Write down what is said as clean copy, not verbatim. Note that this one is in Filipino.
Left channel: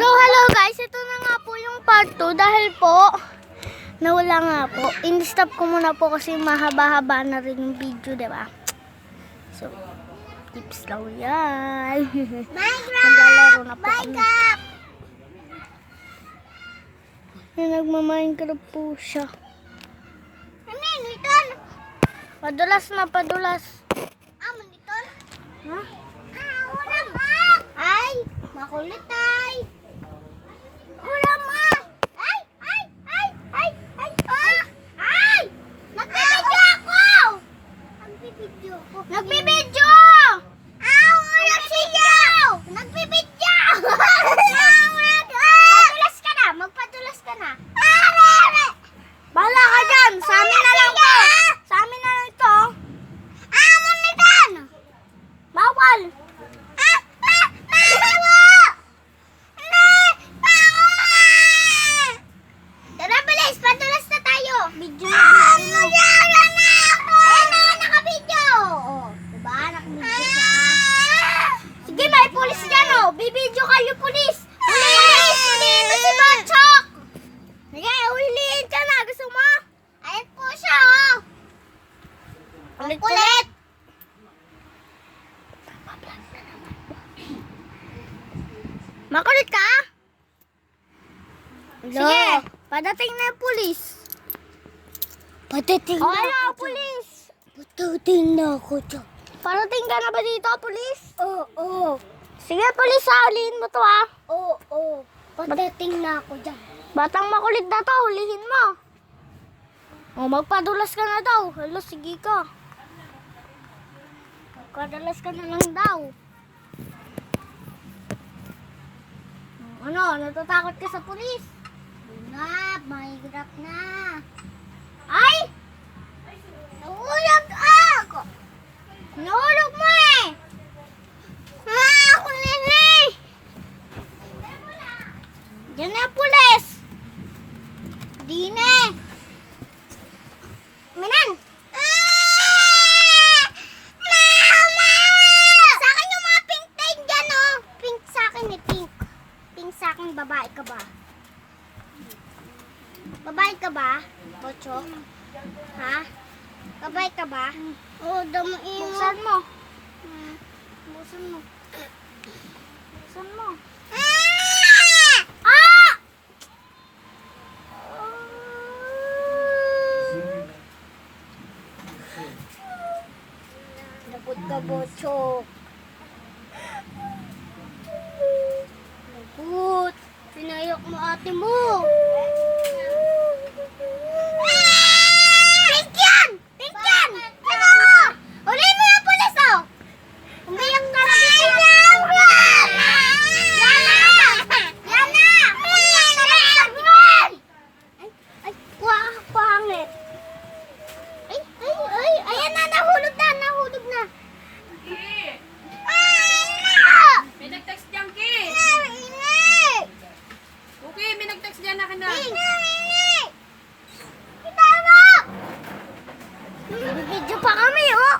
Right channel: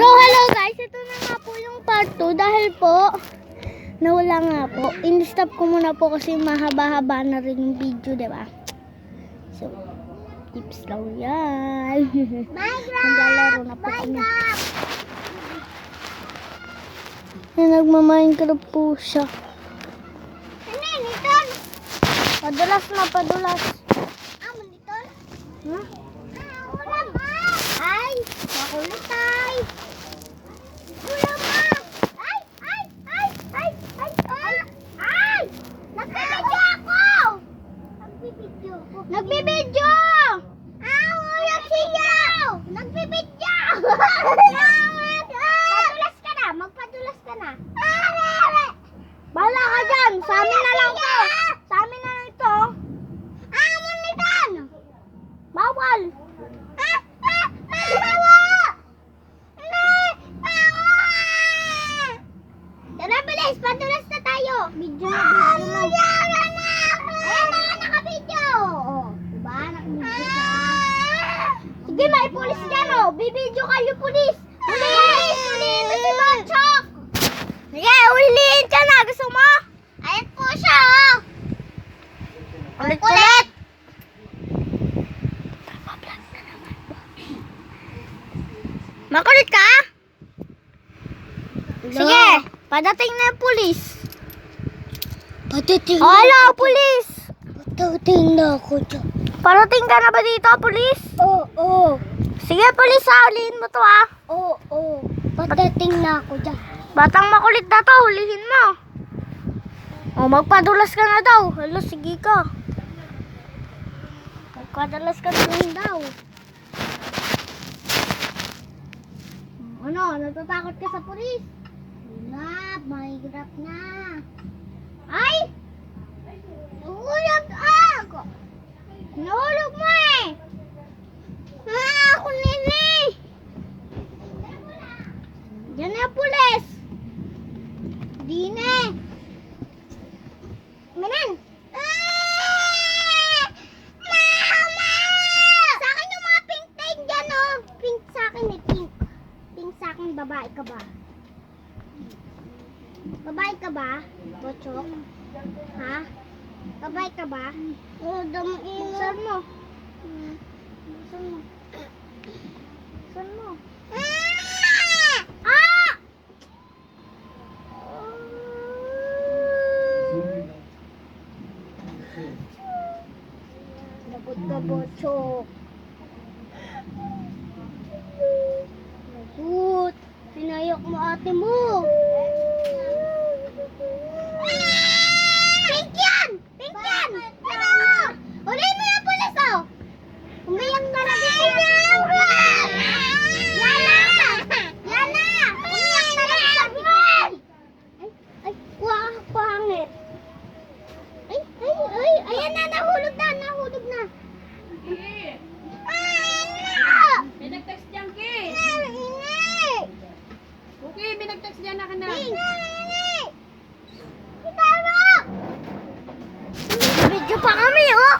So, hello guys. Ito na nga po yung part 2 dahil po nawala nga po. In-stop ko muna po kasi mahaba-haba na rin yung video, diba? So, tips lang yan. Maglalaro na po kami. Nagma-Minecraft po siya. Padulas na, padulas. Huh? Ay, makulit ay. Ulam ma. Ay. Nagbibidyo ako. Nagbibidyo. Ulam siya. Nagbibidyo. Padulas ka na. Magpadulas ka na. Bala ka dyan. Sa amin na lang to. Sa amin na lang to. Amon ni Dan. Bawal. Tara, bilis! Padulas na tayo! Video na. Ayan na! Naka-video! Diba? Naka-video siya. Sige, may pulis dyan oh. Bibidyo kayo, pulis. Pulis! Dito si Bachok! Sige, ulihin ka na. Gusto mo? Ayan po siya, oh! Ulit-ulit. Makulit ka? Sige, padating na yung pulis. Padating Hello, pulis. Padating na ako dyan. Parating ka na ba dito, pulis? Oo. Sige, pulis, ulihin mo to ah. Oo. Padating na ako dyan. Batang makulit na to, ulihin mo. O, magpadulas ka na daw. Hello, sige ka. Magpadulas ka na lang daw. Ano, natatakot ka sa pulis? Mahirap na. Ay! Nahulog ako. Nahulog mo eh! Ako nini. Diyan na, pulis! Di na eh. Manan. Mama! Sa akin yung mga pink tayo dyan, oh. Pink sa akin eh, pink. Pink sa akin, babae ka ba? Babae ka ba, Bochok? Ha? Babae ka ba? Oo, damo iyo. Buksan mo. Buksan mo. Buksan mo. Ah! Lagot ka, Bochok. Lagot. Pinayok mo ate mo. Pink yan! Pink yan! Ano? Uli mo yung pulis, oh! Umiyak ka na kasi. Yana! Umiyak na rin sa buwan! Ay, pangit. Ayan na, nahulog na. May nag-text dyan, Ki. Okay, may nag-text dyan na ka na. Video pa kami, oh.